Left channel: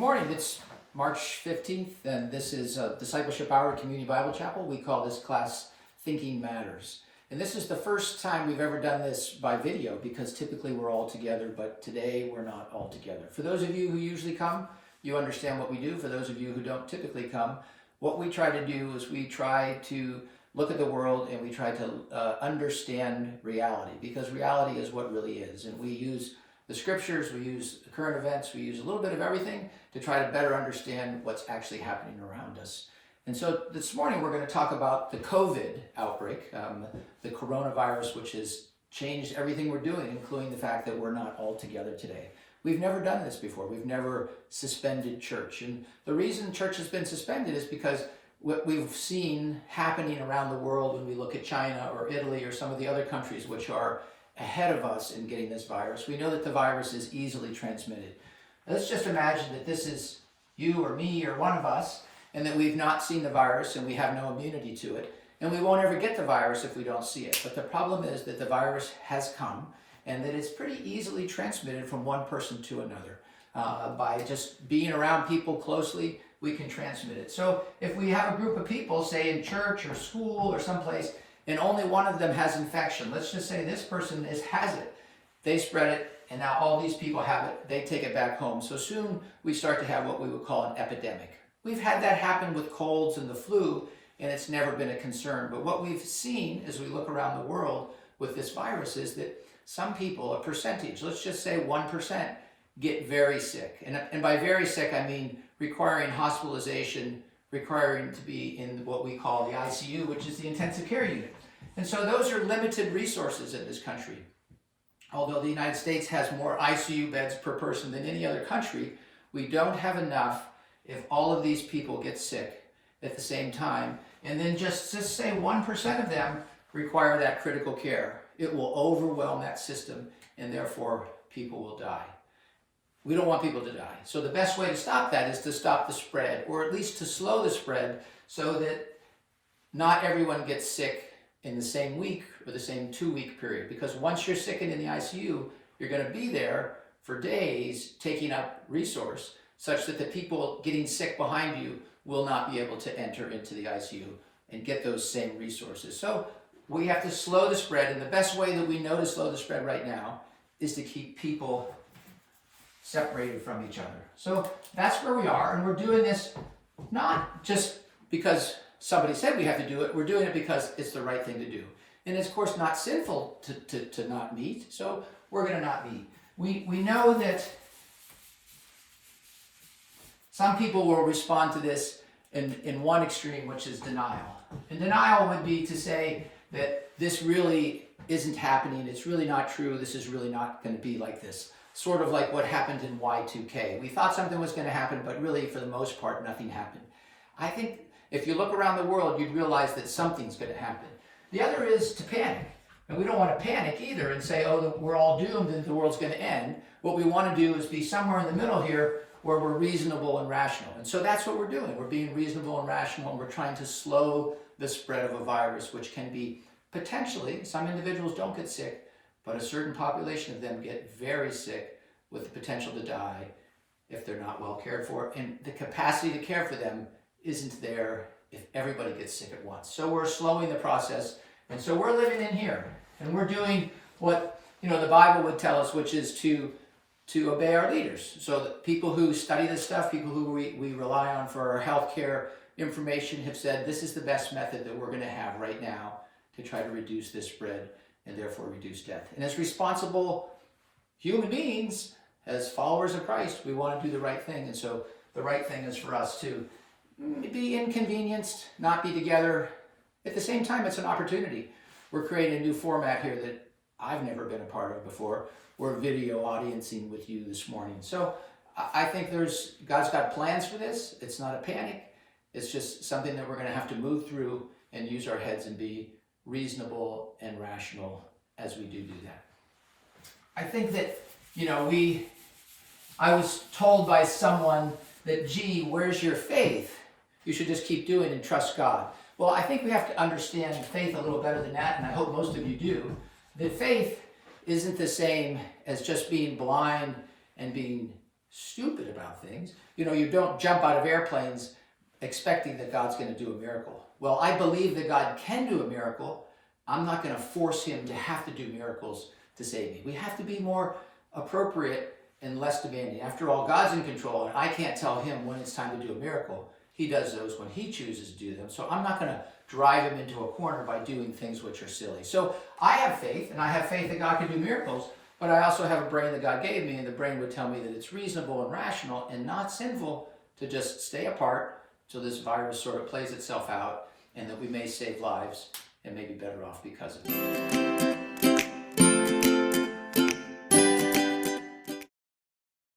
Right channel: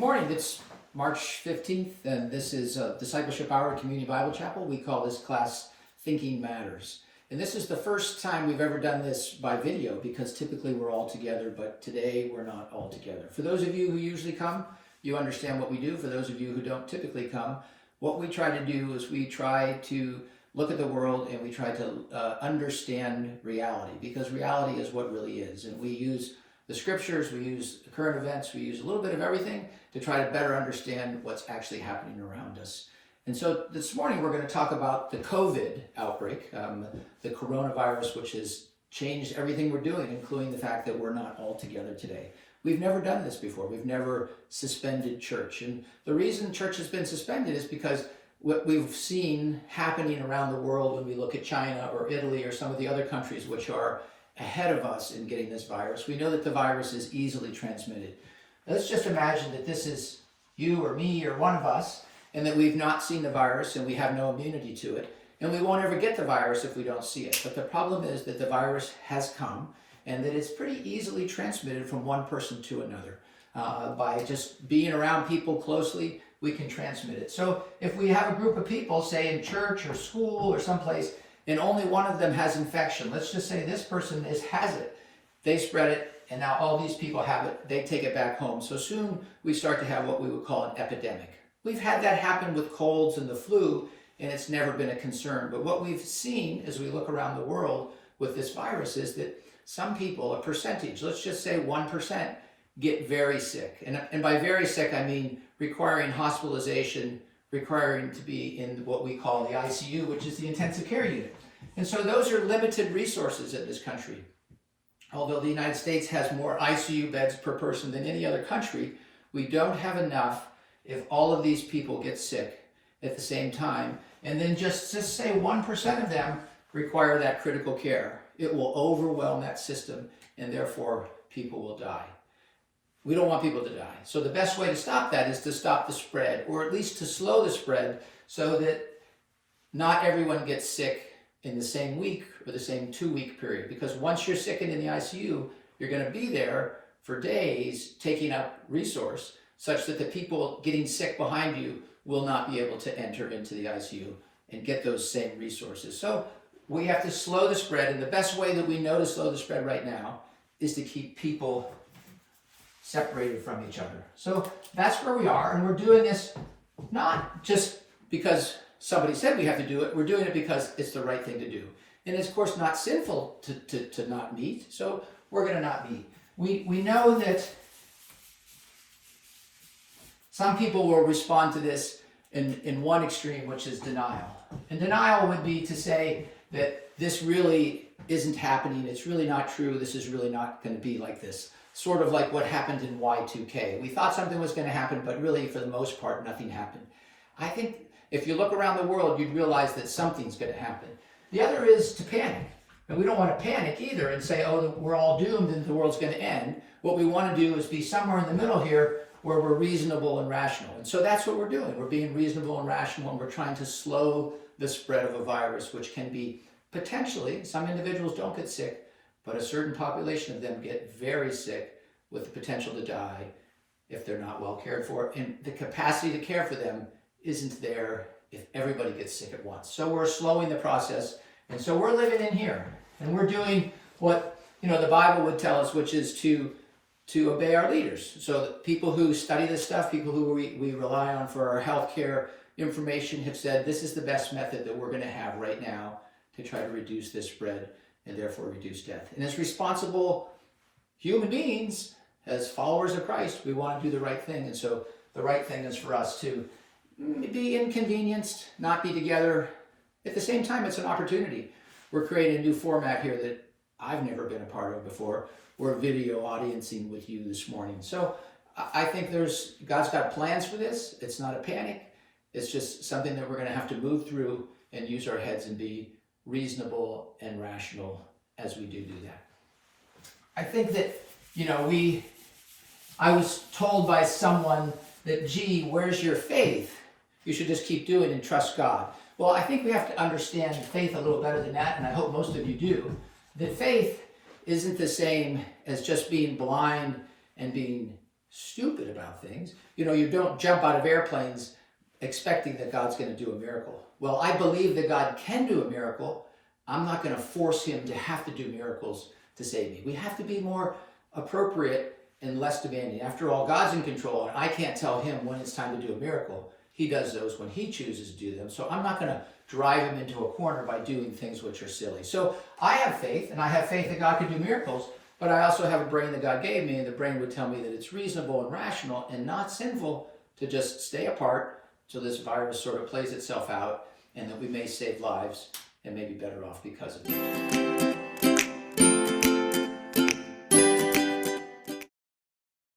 Good morning. It's March 15th, and this is Discipleship Hour at Community Bible Chapel. We call this class Thinking Matters. And this is the first time we've ever done this by video because typically we're all together, but today we're not all together. For those of you who usually come, you understand what we do. For those of you who don't typically come, what we try to do is we try to look at the world and we try to understand reality, because reality is what really is. And we use the scriptures, we use the current events, we use a little bit of everything to try to better understand what's actually happening around us. And so this morning we're going to talk about the COVID outbreak, the coronavirus, which has changed everything we're doing, including the fact that we're not all together today. We've never done this before. We've never suspended church. And the reason church has been suspended is because what we've seen happening around the world when we look at China or Italy or some of the other countries which are ahead of us in getting this virus. We know that the virus is easily transmitted. Now, let's just imagine that this is you or me or one of us, and that we've not seen the virus and we have no immunity to it, and we won't ever get the virus if we don't see it. But the problem is that the virus has come and that it's pretty easily transmitted from one person to another. By just being around people closely, we can transmit it. So if we have a group of people, say in church or school or someplace, and only one of them has infection, let's just say this person has it, they spread it, and now all these people have it, they take it back home. So soon we start to have what we would call an epidemic. We've had that happen with colds and the flu, and it's never been a concern. But what we've seen as we look around the world with this virus is that some people, a percentage, let's just say 1%, get very sick. And by very sick, I mean requiring hospitalization, requiring to be in what we call the ICU, which is the intensive care unit. And so those are limited resources in this country. Although the United States has more ICU beds per person than any other country, we don't have enough if all of these people get sick at the same time. And then just say 1% of them require that critical care. It will overwhelm that system, and therefore people will die. We don't want people to die. So the best way to stop that is to stop the spread, or at least to slow the spread so that not everyone gets sick in the same week or the same 2-week period. Because once you're sickened in the ICU, you're going to be there for days taking up resource such that the people getting sick behind you will not be able to enter into the ICU and get those same resources. So we have to slow the spread, and the best way that we know to slow the spread right now is to keep people separated from each other. So that's where we are, and we're doing this not just because somebody said we have to do it, we're doing it because it's the right thing to do. And it's of course not sinful to not meet, so we're going to not meet. We know that some people will respond to this in one extreme, which is denial. And denial would be to say that this really isn't happening, it's really not true, this is really not going to be like this. Sort of like what happened in Y2K. We thought something was going to happen, but really for the most part, nothing happened. I think if you look around the world, you'd realize that something's going to happen. The other is to panic. And we don't want to panic either and say, oh, we're all doomed and the world's going to end. What we want to do is be somewhere in the middle here where we're reasonable and rational. And so that's what we're doing. We're being reasonable and rational, and we're trying to slow the spread of a virus, which can be potentially, some individuals don't get sick, but a certain population of them get very sick with the potential to die if they're not well cared for. And the capacity to care for them isn't there if everybody gets sick at once. So we're slowing the process. And so we're living in here. And we're doing what the Bible would tell us, which is to obey our leaders. So the people who study this stuff, people who we rely on for our healthcare information have said this is the best method that we're going to have right now to try to reduce this spread and therefore reduce death. And as responsible human beings, as followers of Christ, we want to do the right thing. And so the right thing is for us to be inconvenienced, not be together. At the same time, it's an opportunity. We're creating a new format here that I've never been a part of before. We're video audiencing with you this morning. So I think God's got plans for this. It's not a panic. It's just something that we're going to have to move through and use our heads and be reasonable and rational as we do that. I think that, I was told by someone that, gee, where's your faith? You should just keep doing and trust God. Well, I think we have to understand faith a little better than that, and I hope most of you do. That faith isn't the same as just being blind and being stupid about things. You know, you don't jump out of airplanes expecting that God's going to do a miracle. Well, I believe that God can do a miracle. I'm not going to force him to have to do miracles to save me. We have to be more appropriate and less demanding. After all, God's in control, and I can't tell him when it's time to do a miracle. He does those when he chooses to do them. So I'm not going to drive him into a corner by doing things which are silly. So I have faith, and I have faith that God can do miracles, but I also have a brain that God gave me, and the brain would tell me that it's reasonable and rational and not sinful to just stay apart so this virus sort of plays itself out, and that we may save lives and may be better off because of it.